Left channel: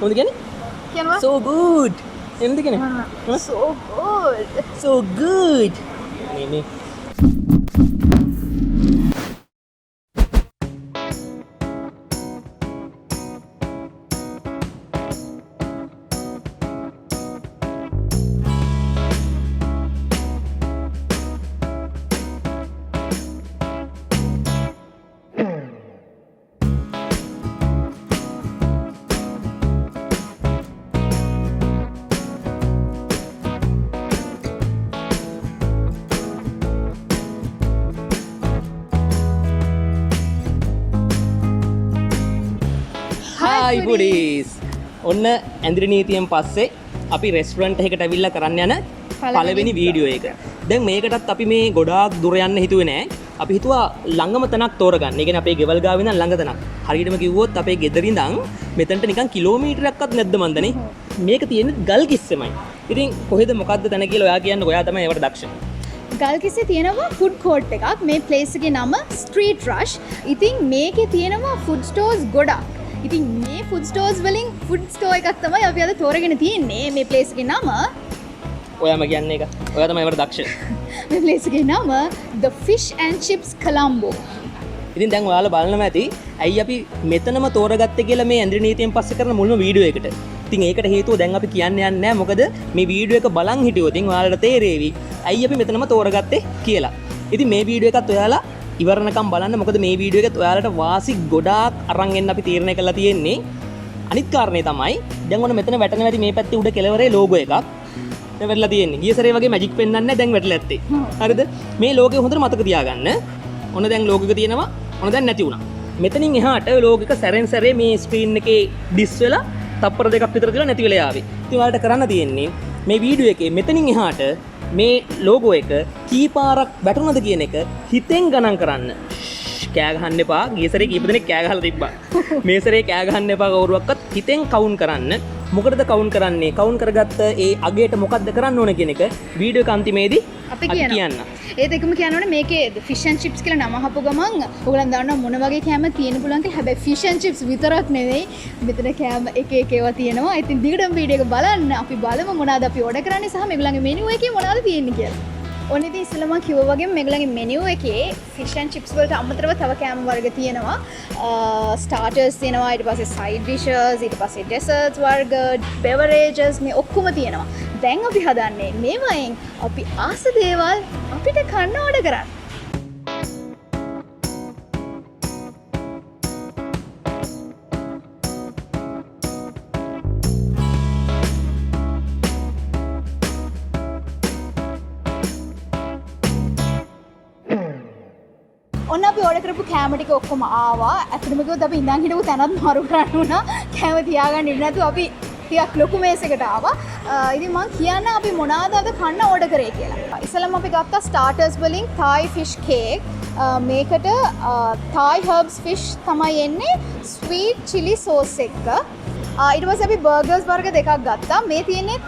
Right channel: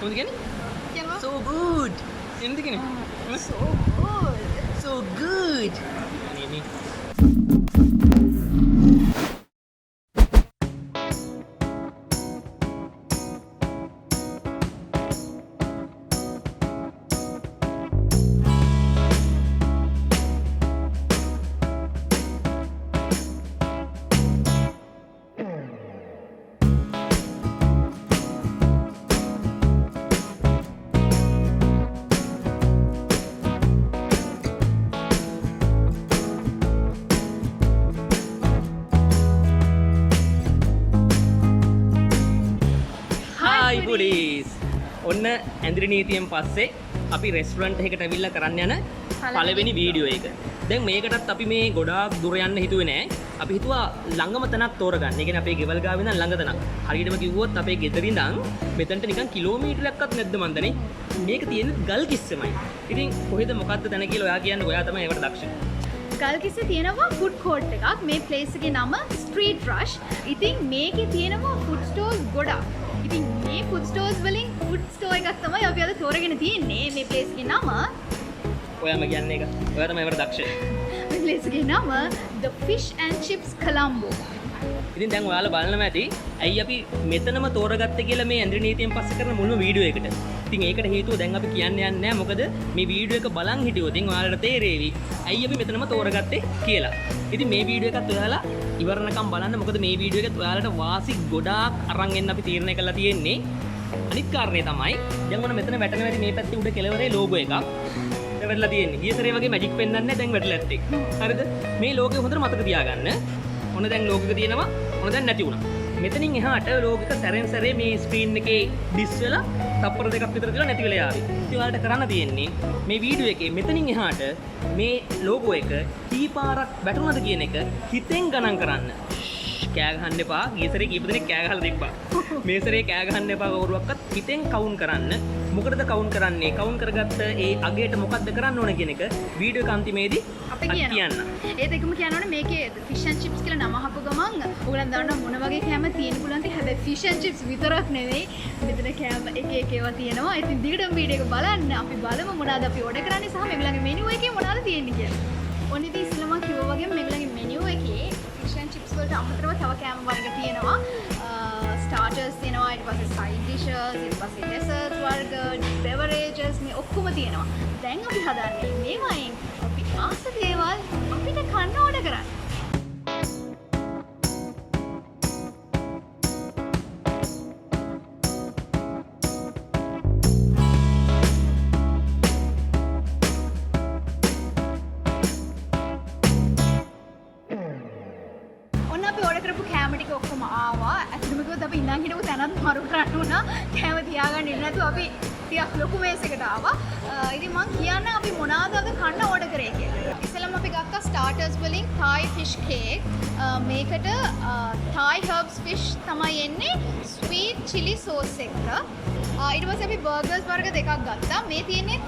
කොහොමද කියන්නේ? කියනවා So good. එන්නද කියන්නේ? so good. So good. මේ Hi foodies. ඔන්න ඇඳිරි නීතියෙන් පස්සේ අපි රෙස්ටුරන්ට් එකකට ඇවිල්ලා කරන්න යන පළවෙනි වීඩියෝ එක. දැන් මේකටත් අපි මේ ගොඩාක් දුර යන්න හිතුවේ නෑ. අපි හිතුවා ළඟම තැනක් තෝරගන්න. ඒ කියන්නේ අපේ ගෙවල් ගාව ඉඳන් ළඟ තැනක්. හරියටම කිව්වොත් අපේ ගෙදර ඉඳන් මෙතනට නිකන් කිලෝමීටරයක්වත් නැද්ද මන්දනේ. මේක තියෙන්නේ ගල් කිස්සෙමයි. ඉතින් කොහෙද මොකද්ද තැන කියලා ඔයා කියන්නේ. ඔයා තමයි ඒවට දක්ෂ. ගල්කිස්සේ තියෙනවා ෆුඩ් කෝට් එකක්. මේ ප්ලේස් එකේ නම ස්ට්‍රීට් රෂ්. ඉතින් මේකේ තියෙනවා ෆුඩ් ස්ටෝර්ස් ගොඩක්. ඉතින් මේ ෆුඩ් ස්ටෝර්ස් වලින් ෆුඩ් ස්ටෝර් එකක් තමයි අපි අද තෝරගෙන තියෙන්නේ. මේ ප්ලේස් එකේ නම ඔයාම කියන්නේ එක. ඔයා තමයි ඒවට දක්ෂ. මේ ප්ලේස් එකේ නම The Fish and Chips Colombo. ඉතින් දැන් ඔයාලා බලනවා ඇති ඇයි අපි මෙතනම තෝරගත්තේ කියලා මේ ඇඳිරි නීතියෙන් පස්සේ කරන මුල්ම වීඩියෝ එකට. ඉතින් ඒකට හේතුව දැන් අපි කියන්න යන්නේ නැහැ. මොකද මේ වීඩියෝ එක බලන් හිටියොත් ඉතින් ඔයාලට තේරෙවි ඇයි අපි මෙතනම තෝරගත්තේ කියලා. ඉතින් මේ වීඩියෝ එකත් ඔයාලා ඉවරනකම් බලන්න. මොකද මේ වීඩියෝ එකත් ඔයාලට වාසි ගොඩාක් අරන් එන්න අපි තීරණය කරලා තියෙන්නේ. අනිත් කාරණේ තමයි දැන් ඔන්න මෙතන වැටෙන වැඩි මේ පැත්තේ උඩ කෙළවරේ ලෝගෝ එකක්. දැන් වැටලා තියෙන්නේ. ගිය සැරේ වගේ මැජික් පෙන්වන්නේ නැහැ. දැන් වැටලා ඇත්තේ. හරිද? මේ ලෝගෝ හොඳට මතක තියාගන්න. ඔන්න දැන් ලෝගෝ එක තියෙනවා. ඔන්න දැන් නැති වුණා. මෙතනින් එහාට ලෝගෝ එක සැරෙන් සැරේ මේ ස්ක්‍රීන් එකේ ඩිස් වෙලා තප්පර දෙකක් විතර කියලා නැති වෙලා යාවි. ඉතින් ඔයාලට කරන්න තියෙන්නේ මේ වීඩියෝ එකේ මෙතනින් එහාට මේ ලෝගෝ එක කී පාරක් වැටුණාද කියන එක හිතෙන් ගණන් කරන්න. කෑ ගහන්න එපා. ගිය සැරේ කීප දෙනෙක් කෑ ගහලා තිබ්බා. මේ සැරේ කෑ ගහන්න එපා කවුරුවක්වත්. හිතෙන් කවුන්ට් කරන්න. මොකටද කවුන්ට් කරන්නේ? කවුන්ට් කරගත්ත ඒ අගයට මොකද්ද කරන්න ඕන කියන එක වීඩියෝ එක අන්තිමේදී අපි කියන්න. ඒත් එකම කියනවනේ මේකේ ෆිෂ් ඇන්ඩ් චිප්ස් කියලා නම අහපු ගමන් ඔයගොල්ලන් දන්නවා මොන වගේ කෑම තියෙන පුළුවන්ද. හැබැයි ෆිෂ් ඇන්ඩ් චිප්ස් විතරක් නෙවෙයි මෙතන කෑම එක එක ඒවා තියෙනවා. ඉතින් දිගටම වීඩියෝ එක බලන්න. අපි බලමු මොනවද අපි ඕඩර් කරන්නේ සහ මේගොල්ලන්ගේ මෙනු එකේ මොනවද තියෙන්නේ කියලා. ඔන්න ඉතින් ඉස්සෙල්ලාම කිව්වා වගේ මේගොල්ලන්ගේ මෙනු එකේ ෆිෂ් ඇන්ඩ් චිප්ස් වලට අමතරව තව කෑම වර්ග තියෙනවා. ස්ටාර්ටර්ස් තියෙනවා, ඊට පස්සේ සයිඩ් ඩිෂස්, ඊට පස්සේ ඩෙසර්ට්ස් වර්ග, බෙවරේජස් මේ ඔක්කොම තියෙනවා. දැන් අපි හදන්නේ මේවයින් අපි ආස දේවල් අපිට කන්න ඕඩර් කරන්න. ඔන්න අපි ඕඩර් කරපු කෑම ටික ඔක්කොම ආවා. ඇත්තටම කිව්වොත් අපි ඉඳන් හිටපු තැනත් මාරු කරන්න වුණා. කෑම තියාගන්න ඉන්න නැතුව අපි ටිකක් ලොකු මේසයකට ආවා. ඉතින් මම කියන්න අපි මොනවාද අද කන්න ඕඩර් කරේ කියලා. ඉස්සෙල්ලාම අපි ගත්තා ස්ටාර්ටර්ස් වලින් Thai fish cake. මේකට Thai herbs fish තමයි එන්නේ sweet chili sauce එක්ක. ඊට පස්සේ අපි බර්ගර්ස් වර්ග දෙකක් ගත්තා. මේ තියෙන්නේ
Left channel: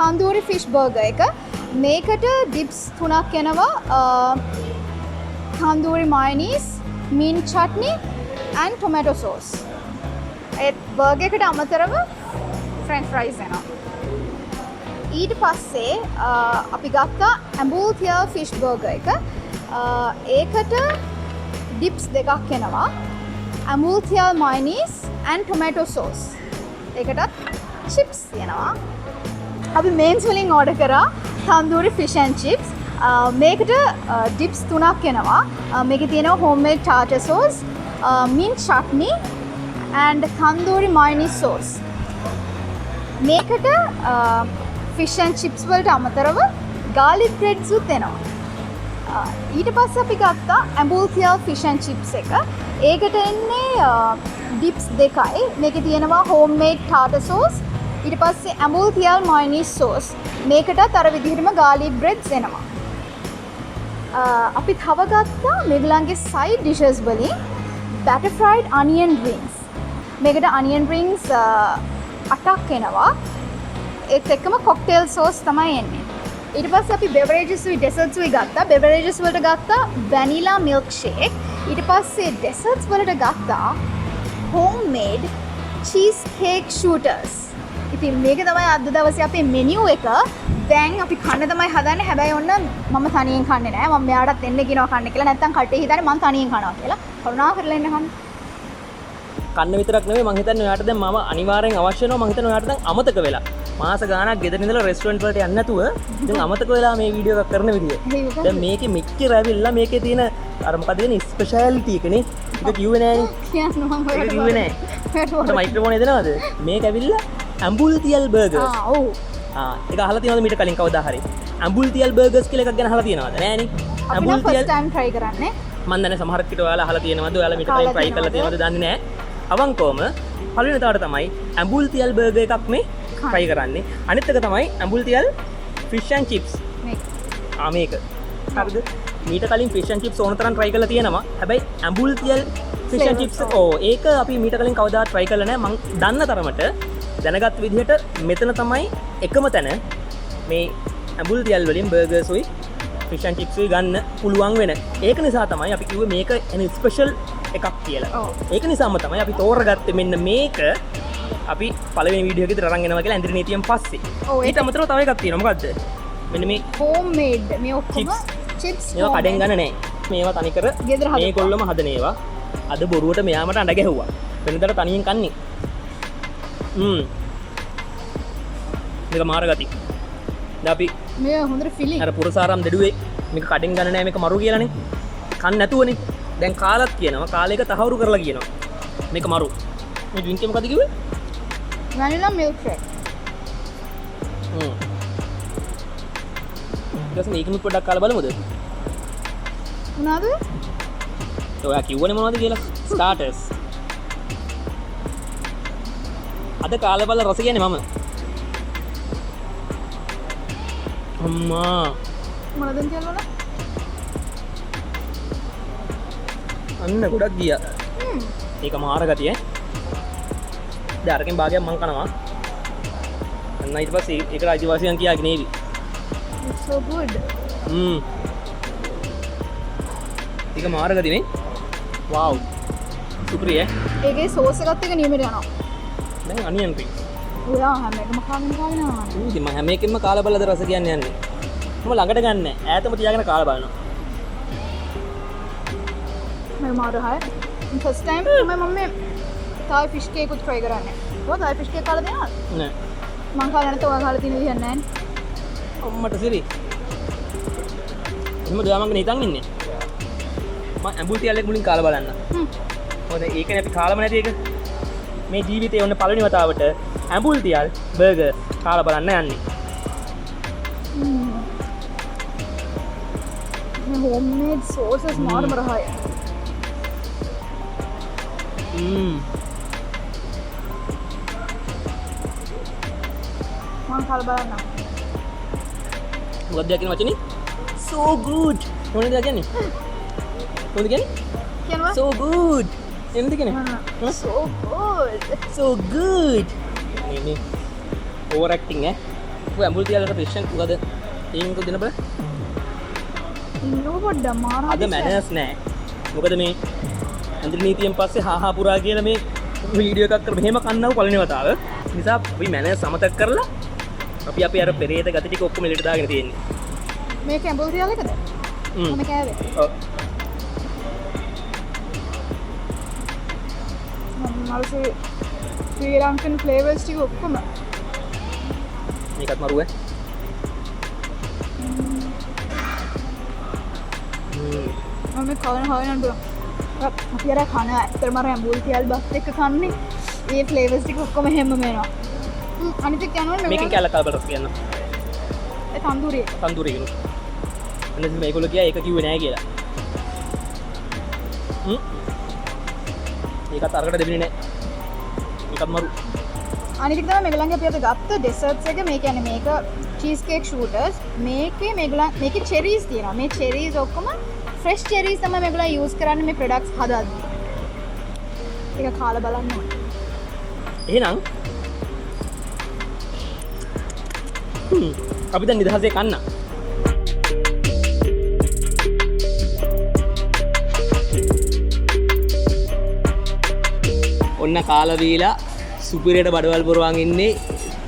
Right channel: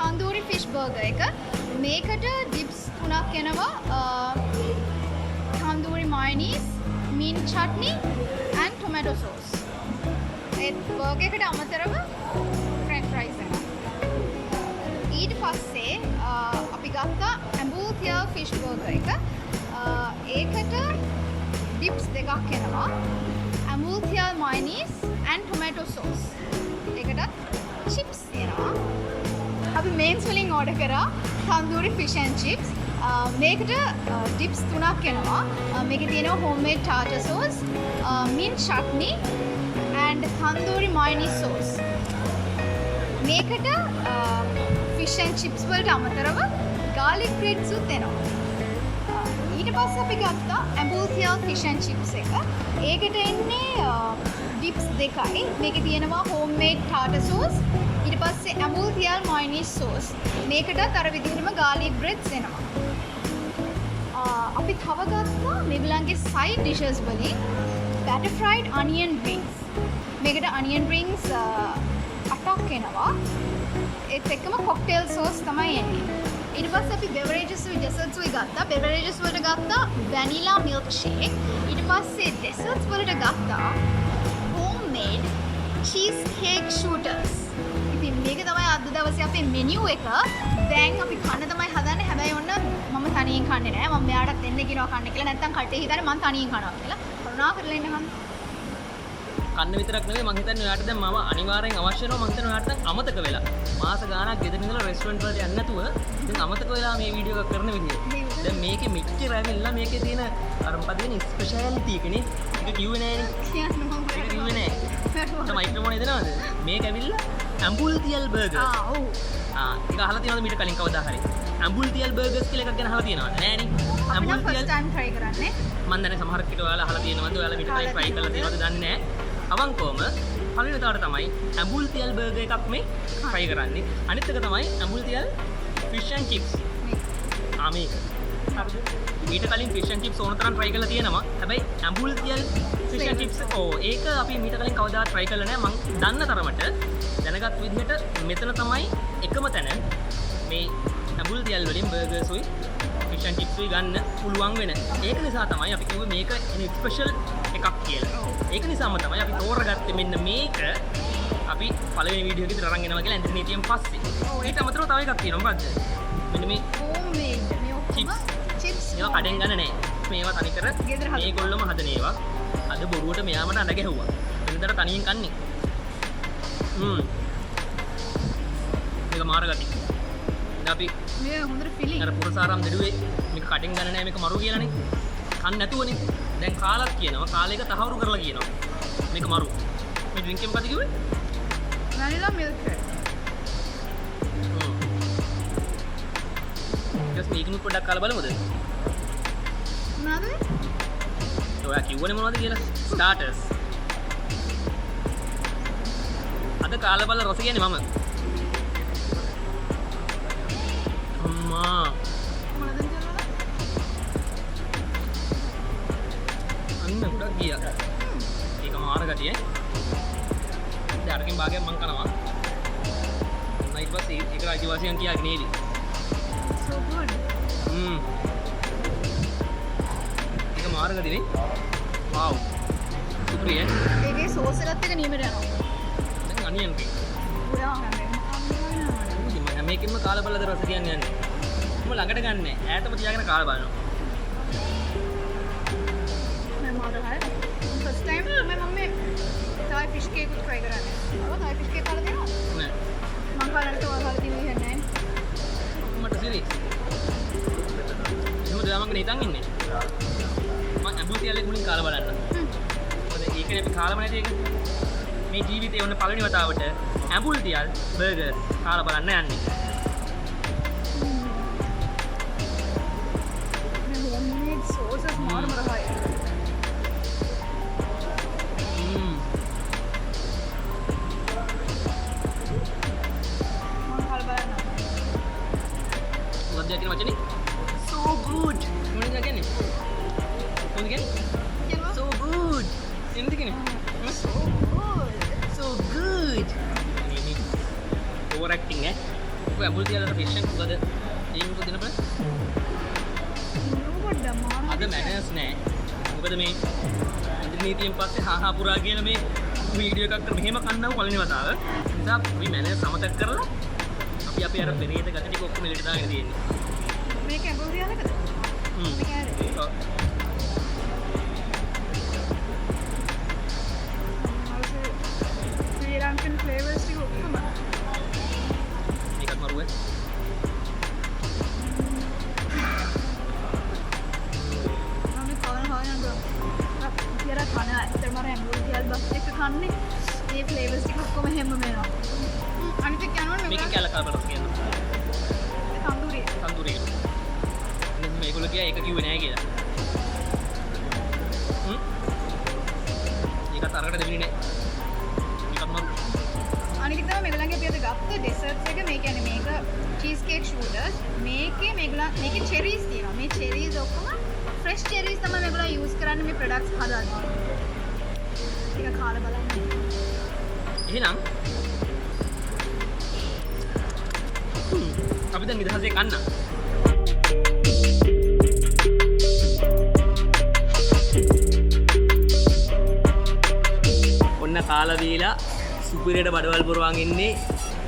tandoori fish burger එක. මේකට dips 3ක් එනවා. tandoori mayonnaise, mint chutney and tomato sauce. A burger එකට අමතරව french fries එනවා. ඊට පස්සේ අපි ගත්තා ambultia fish burger එක. ඒකට dips දෙකක් එනවා. ambultia mayonnaise and tomato sauce. ඒකටත් chips එනවා. අපි mains වලින් order කරා tandoori fish and chips. මේකට dips 3ක් එනවා. මේකේ තියෙනවා homemade tartar sauce, mint chutney and tandoori mayonnaise sauce. මේකට fish and chips වලට අමතරව garlic breads උත් එනවා. ඊට පස්සේ අපි ගත්තා ambultia fish and chips එක. ඒකට එන්නේ dips දෙකයි. මේකේ තියෙනවා homemade tartar sauce, ඊට පස්සේ ambultia mayonnaise sauce. මේකටත් අර විදිහටම garlic breads එනවා. අපි තව ගත්තා මේගොල්ලන්ගේ side dishes වලින් batter fried onion rings. මේකට onion rings 8ක් එනවා. ඒත් එක්කම cocktail sauce තමයි එන්නේ. ඊට පස්සේ අපි beverages desserts ගත්තා. beverages වලට ගත්තා vanilla milkshake. ඊට පස්සේ desserts වලට ගත්තා homemade cheese cake shooters. ඉතින් මේක තමයි අද දවසේ අපේ මෙනියු එක. දැන් අපි කන්න තමයි හදන්නේ. හැබැයි ඔන්න මම තනියෙන් කන්නේ නෑ. මම මෙයාටත් එන්න කියනවා කන්න කියලා. නැත්තම් කටේ හිතන්නේ මම තනියෙන් කනවා කියලා. කරුණා කරලා එන්න කන්න. කන්න විතරක් නෙවෙයි මං හිතන්නේ ඔයාට දැන් මම අනිවාර්යෙන් අවශ්‍ය වෙනවා. මං හිතන්නේ ඔයාට දැන් අමතක වෙලා. මාස ගාණක් ගෙදර ඉඳලා රෙස්ටුරන්ට් වලට යන්න නැතුව දැන් අමතක වෙලා මේ වීඩියෝ එකක් කරන විදිය. දැන් මේකේ මෙච්චර ඇවිල්ලා මේකේ තියෙන අර මොකද කියන්නේ ස්පෙෂාලිටි එකනේ. ඒක කිව්වේ නෑනේ. කියන්න මම ඒක කිව්වේ නෑ. මට මයික්‍රොෆෝන් එදනවද? මේක ඇවිල්ලා ඇම්බුල්තියල් බර්ගර්ස්. ඔව්. ඒක අහලා තියෙනවද මීට කලින් කවදා හරි? ඇම්බුල්තියල් බර්ගර්ස් කියලා එකක් ගැන අහලා තියෙනවද? නෑනේ. අපි නම් ෆස්ට් ටයිම් try කරන්නේ. මම දන්නේ සමහර කිට ඔයාලා අහලා තියෙනවද? ඔයාලා මීට කලින් try කරලා තියෙනවද දන්නේ නෑ. අවංකවම පළවෙනි තාවට තමයි ඇම්බුල්තියල් බර්ගර් එකක් මේ try කරන්නේ. අනිත් එක තමයි ඇම්බුල්තියල් fish and chips. මේක. හරිද? මීට කලින් fish and chips ඕන තරම් try කරලා තියෙනවා. හැබැයි ඇම්බුල්තියල් fish and chips ඒක අපි මීට කලින් කවදාවත් try කරලා නෑ. මම දන්න තරමට දැනගත් විදිහට මෙතන තමයි එකම තැන මේ ඇම්බුල්තියල් වලින් බර්ගර්ස් උයි fish and chips උයි ගන්න පුළුවන් වෙන. ඒක නිසා තමයි අපි කිව්වේ මේක ස්පෙෂල් එකක් කියලා. ඒක නිසාම තමයි අපි තෝරගත්තේ මෙන්න මේක අපි පළවෙනි වීඩියෝ එකේදී අරන් එනවා කියලා ඇන්ද්‍රි නීතියෙන් පස්සේ. ඊට අමතරව තව එකක් තියෙනවා. මොකද්ද? මෙන්න මේ homemade මේ ඔක්කොම chips. මේවා කඩෙන් ගන්න නෑ. මේවා තනිකර මේගොල්ලොම හදන ඒවා. අද බොරුවට මෙයාමට අඬ ගැහුවා. වෙනදට තනියෙන් කන්නේ. මේක මාර ගති. දැන් අපි මේ හොඳට ෆිලිං. අර පුරසාරම් දෙඩුවේ මේක කඩෙන් ගන්න නෑ මේක මරු කියලානේ. කන්න නැතුවනේ. දැන් කාලත් කියනවා කාලයක තහවුරු කරලා කියනවා. මේක මරු. මේ ඩ්‍රින්ක් එක මොකද කිව්වේ? vanilla milk shake. ඊට පස්සේ මේකනුත් පොඩ්ඩක් කාලා බලමුද? මොනවද? ඔයා කිව්වනේ මොනවද කියලා? ස්ටාර්ටර්ස්. අද කාලා බලලා රස කියන්නේ මම. අම්මා. මොනවද කියලා? අන්න ගොඩක් ගියා. ඒක මාර ගතිය ඈ. දැන් අරකින් භාගයක් මං කනවා. අන්න ඊට පස්සේ ඒකට අයිතිවාසිකම් කියාගෙන නේවි. It's so good. ඒක මාර ගතියනේ. wow. සුපිරි ඈ. ඒකේ සෝස් එකත් එක නියමට යනවා. දැන් අනියන් පික්. ඔයා හැම එකම කන්න යනවා. ඉතින් මම හැම එකෙම කාලා බලලා රස කියන්නේ යන්නේ. මම ළඟට ගන්නෑ. ඈතම තියාගෙන කාලා බලනවා. मैं मार रहा है फर्स्ट टाइम मैं थाई फिश केक कुछ ट्राई कराने वो थाई फिश केक खाला देना නෑ. මං කාලා නැතෝ ඔයා කාලා තියෙන විදිහ නැහැ අම්මට සිරි. එහෙම ගාමංග නිකන් ඉන්නේ. මම ඇම්බුල්තියල් එක මුලින් කාලා බලන්න. මොකද ඒකනේ අපි කාලම නැති එක. මේ ජීවිතේ ඔන්න පළවෙනි වතාවට ඇම්බුල්තියල් බර්ගර් කාලා බලන්න යන්නේ. मैं होममेड सॉसेस मार रहा है මං කාලා බලන්න මොකක්ද කියන වචනේ? so good. මොනවද කියන්නේ? මොකද කියන්නේ? කියනවා so good. එන්ද කියන්නේ? so good so good. මේ ඕවර් ඇක්ටිං ඈ. ඔය ඇම්බුල්තියල්ට ෆිෂන් මොකද? ඒකට දෙන්න බෑ. ඉන්නව පොඩ්ඩක් මාර අද මැනර්ස් නෑ. මොකද මේ ඇන්ද්‍රි නීතියෙන් පස්සේ හාහා පුරා කියලා මේ වීඩියෝ එකක් කර මෙහෙම කන්නව පළවෙනි වතාව. නිසා අපි මැනර්ස් අමතක කරලා අපි අපේ අර පෙරේත ගති ටික ඔක්කොම එළියට දාගෙන තියෙන්නේ. මේක ඇම්බුල්තියල් එකද? මම කෑවේ. ඔව්. මල්සේ ශ්‍රී ලංකන් ෆ්ලේවර්ස් ටික ඔක්කොම මේකත් මරුව ඈ. මම කවන හොයන්න අපි අර කන ඇත්තටම අර ඇම්බුල්තියල් බස් එක කන්නේ ඒ ෆ්ලේවර්ස් ටික ඔක්කොම හැමම එනවා අනිත් එක යනවා මේකෙන් කැල කල්බරස් කියන්න. ඒ තන්දූරිය තන්දූරිය කියන. එන්න මේගොල්ලෝ කියා ඒක කිව්වේ නෑ කියලා. ඒකත් අරකට දෙන්නේ නෑ. ඒකත් මරු. අනිත් එක තමයි මේගොල්ලන්ගේ අපි අද ගත්ත ඩෙසර්ට්ස් එක මේ කියන්නේ මේක චීස් කේක් ෂූටර්ස් මේකේ මේකේ චෙරීස් තියෙනවා මේ චෙරීස් ඔක්කොම ෆ්‍රෙෂ් චෙරීස් තමයි මේගොල්ලෝ යූස් කරන්නේ මේ ප්‍රොඩක්ට්ස් හදද්දී ඒක කාලා බලන්න එහෙනම් අපි දැන් නිදහසේ කන්න. ඔන්න කාලා බීලා සුපිරියට බඩවල් පුරවන් ඉන්නේ.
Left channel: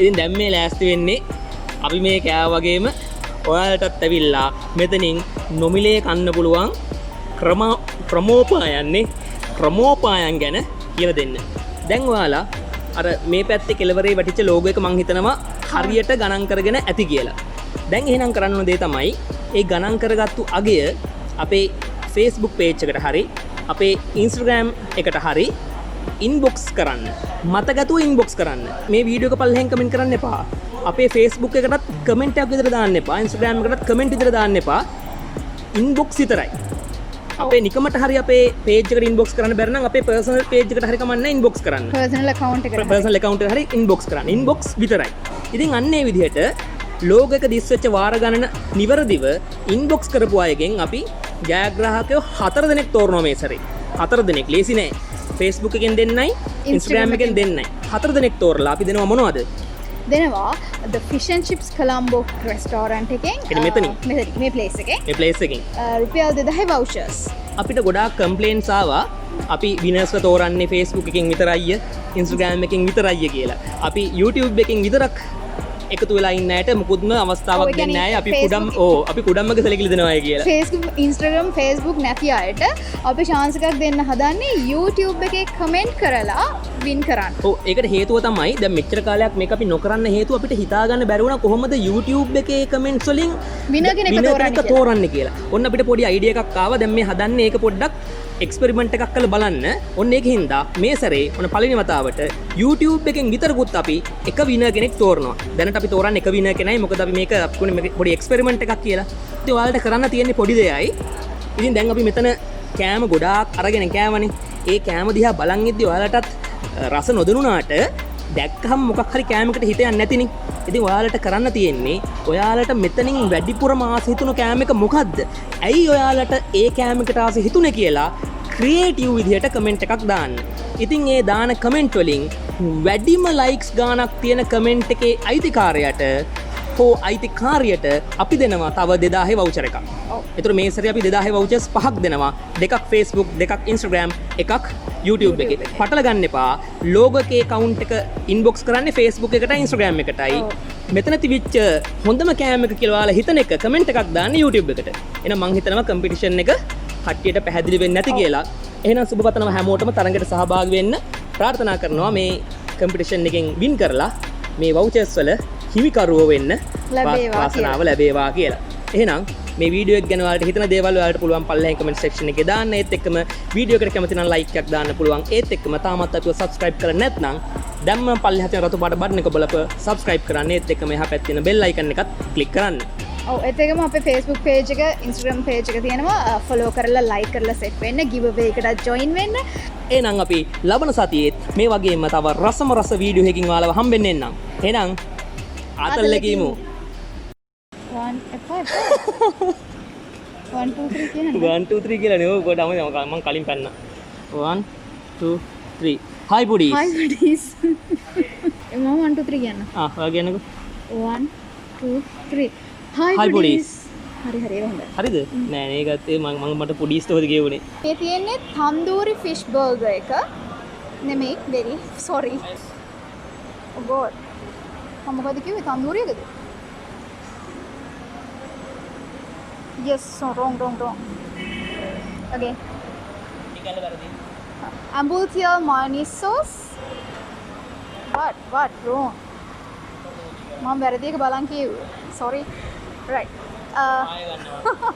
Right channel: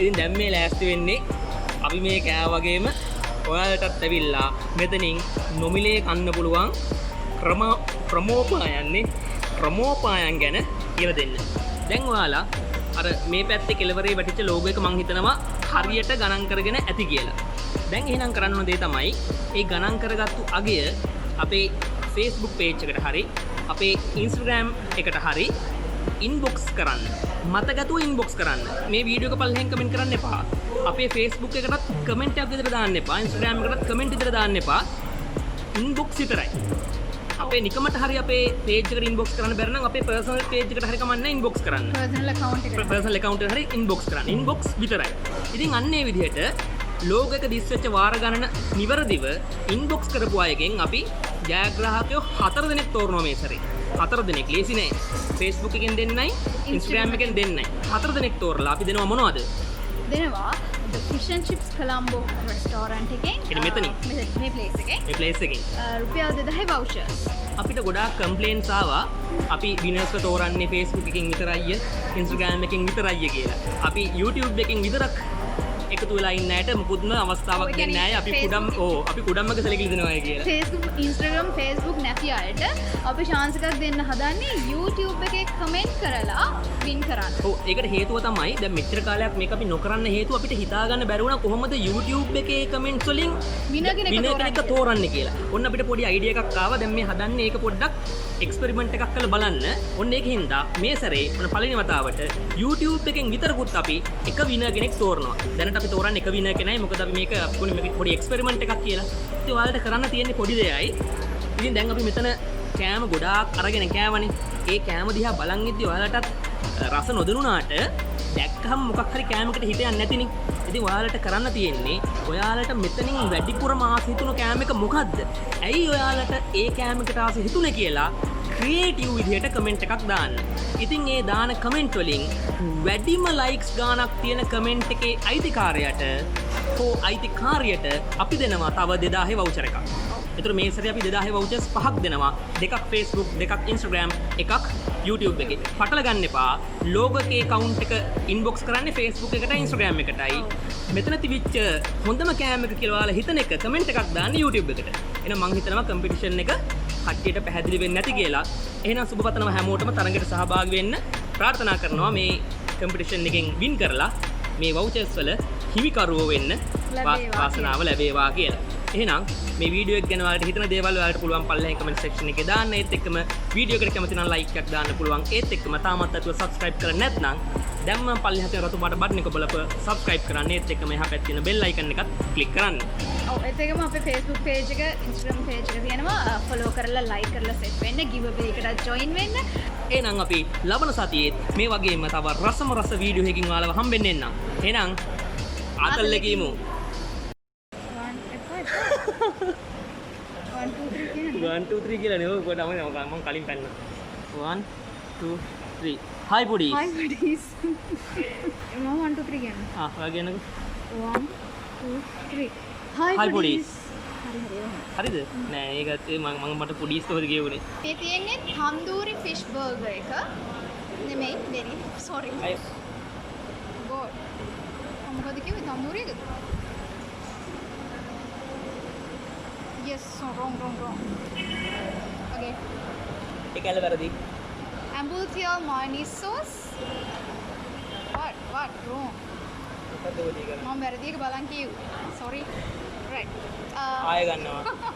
ඉතින් දැන් මේ ලෑස්ති වෙන්නේ අපි මේ කෑව වගේම ඔයාලටත් ඇවිල්ලා මෙතනින් නොමිලේ කන්න පුළුවන් ප්‍රමෝපායන් ගැන කියලා දෙන්න. දැන් ඔයාලා අර මේ පැත්තේ කෙළවරේ වැටිච්ච ලෝගෝ එක මං හිතනවා හරියට ගණන් කරගෙන ඇති කියලා. දැන් එහෙනම් කරන්න ඕන දේ තමයි ඒ ගණන් කරගත්තු අගය අපේ Facebook page එකට හරි අපේ Instagram එකට හරි inbox කරන්න. මතගතුව inbox කරන්න. මේ වීඩියෝ එක පල්ලෙහෙන් කමෙන්ට් කරන්න එපා. අපේ Facebook එකටත් කමෙන්ට් එකක් විතර දාන්න එපා. Instagram එකටත් කමෙන්ට් විතර දාන්න එපා. inbox විතරයි. අපේ නිකමට හරි අපේ page එකට inbox කරන්න බැරි නම් අපේ personal page එකට හරි කමන්නේ inbox කරන්න. personal account එකට හරි inbox කරන්න. inbox විතරයි. ඉතින් අන්න ඒ විදිහට ලෝගෝ එක දිස් වෙච්ච වාර ගණන නිවැරදිව inbox කරපු අයගෙන් අපි ජයග්‍රාහකයෝ 4 දෙනෙක් තෝරනවා මේ සැරේ. 4 දෙනෙක් ලේසි නෑ. Facebook එකෙන් දෙන්නයි Instagram එකෙන් දෙන්නයි. 4 දෙනෙක් තෝරලා අපි දෙනවා මොනවද? දෙනවා the fish and chips Colombo restaurant එකෙන් මේ place එකෙන් රුපියල් 2000 vouchers. අපිට ගොඩාක් කම්ප්ලේන්ට්ස් ආවා අපි විනර්ස්ව තෝරන්නේ Facebook එකෙන් විතරයි Instagram එකෙන් විතරයි කියලා. අපි YouTube එකෙන් විතරක් එකතු වෙලා ඉන්න ඇයට මුකුත්ම අවස්ථාවක් දෙන්නේ නැහැ. අපි කුඩම්මක සැලකිලි දෙනවා කියලා. Facebook නැති අයට අපි chance එකක් දෙන්න හදන්නේ YouTube එකේ comment කරලා win කරන්න. ඒකට හේතුව තමයි දැන් මෙච්චර කාලයක් මේක අපි නොකරන්න හේතුව අපිට හිතා ගන්න බැරි වුණා කොහොමද YouTube එකේ comments වලින් winner කෙනෙක් තෝරන්නේ කියලා. ඔන්න අපිට පොඩි idea එකක් ආවා. දැන් මේ හදන්නේ ඒක පොඩ්ඩක් එක්ස්පෙරිමන්ට් එකක් කරලා බලන්න. ඔන්න ඒක හින්දා මේ සැරේ ඔන්න පළවෙනි වතාවට YouTube එකෙන් විතරකුත් අපි එක winner කෙනෙක් තෝරනවා. දැනට අපි තෝරන්නේ එක winner කෙනයි. මොකද අපි මේක පොඩි එක්ස්පෙරිමන්ට් එකක් කියලා. ඉතින් ඔයාලට කරන්න තියෙන්නේ පොඩි දෙයයි. ඉතින් දැන් අපි මෙතන කෑම ගොඩාක් අරගෙන කෑවනේ. ඒ කෑම දිහා බලන් ඉද්දි ඔයාලටත් රස නොදැනුණාට දැක්කහම මොකක් හරි කෑමකට හිත යන්නේ නැතිනේ. ඉතින් ඔයාලට කරන්න තියෙන්නේ ඔයාලට මෙතනින් වැඩිපුරම ආස හිතුණු කෑම එක මොකද්ද? ඇයි ඔයාලට ඒ කෑමකට ආස හිතුනේ කියලා ක්‍රියේටිව් විදිහට කමෙන්ට් එකක් දාන්න. ඉතින් ඒ දාන කමෙන්ට් වලින් වැඩිම ලයික්ස් ගාණක් තියෙන කමෙන්ට් එකේ අයිතිකාරයට හෝ අයිතිකාරියට අපි දෙනවා තව 2000 වවුචර් එකක්. ඒතර මේ සැරේ අපි 2000 වවුචර්ස් පහක් දෙනවා. දෙකක් Facebook, දෙකක් Instagram, එකක් YouTube එකේ. පටල ගන්න එපා. ලෝගෝ එකේ account එක inbox කරන්නේ Facebook එකටයි Instagram එකටයි. මෙතන තිබිච්ච හොඳම කෑම එක කියලා ඔයාලා හිතන එක කමෙන්ට් එකක් දාන්න YouTube එකට. එහෙනම් මං හිතනවා කම්පිටිෂන් එක කට්ටියට පැහැදිලි වෙන්නේ නැති කියලා. එහෙනම් සුබ පතනවා හැමෝටම තරඟයට සහභාගී වෙන්න ප්‍රාර්ථනා කරනවා මේ කම්පිටිෂන් එකෙන් වින් කරලා මේ වවුචර්ස් වල හිමිකරුවෝ වෙන්න වාසනාව ලැබේවා කියලා. එහෙනම් මේ වීඩියෝ එක ගැන ඔයාලට හිතන දේවල් ඔයාලට පුළුවන් පල්ලෙහාන් කමෙන්ට් සෙක්ෂන් එකේ දාන්න. ඒත් එක්කම වීඩියෝ එකට කැමති නම් ලයික් එකක් දාන්න පුළුවන්. ඒත් එක්කම තාමත් අපිව සබ්ස්ක්‍රයිබ් කරලා නැත්නම් දැන්ම පල්ලෙහා තියෙන රතු පාට බටන් එක බලපුව සබ්ස්ක්‍රයිබ් කරන්න. ඒත් එක්කම එහා පැත්තේ තියෙන බෙල් අයිකන් එකත් ක්ලික් කරන්න. ඔව් ඒත් එක්කම අපේ Facebook page එක Instagram page එක තියෙනවා. follow කරලා like කරලා set වෙන්න. giveaway එකට join වෙන්න. එහෙනම් අපි ලබන සතියේත් මේ වගේම තව රසම රස වීඩියෝ එකකින් ඔයාලව හම්බෙන්න එන්නම්. එහෙනම් ආතල්ලේ කියමු. 1 2 3 කියන 1 2 3 කියලා නේ. ඔය කොට මම කලින් පැන්න. 1 2 3. Hi buddies. Hi buddies. මම 1 2 3 කියන්න. ඔයා කියන්නකෝ. 1 2 3. Hi buddies. හරි හොඳයි. හරිද? නෑ මේකත් මම මට පුඩීස් තෝරි ගෙවුනේ. මේ තියෙන්නේ තන්දූරි ෆිෂ් බර්ගර් එක. නෙමෙයි very sorry. Oh god. මොකද කිව්වේ තන්දූරියද? Yes, so wrong. Again. ඒකල වැරදි. Ambultial mayonnaise sauce. What? Wrong. මම වැරදි එක බලන් කිව්වේ. Sorry. Right. ආය ගන්නවා.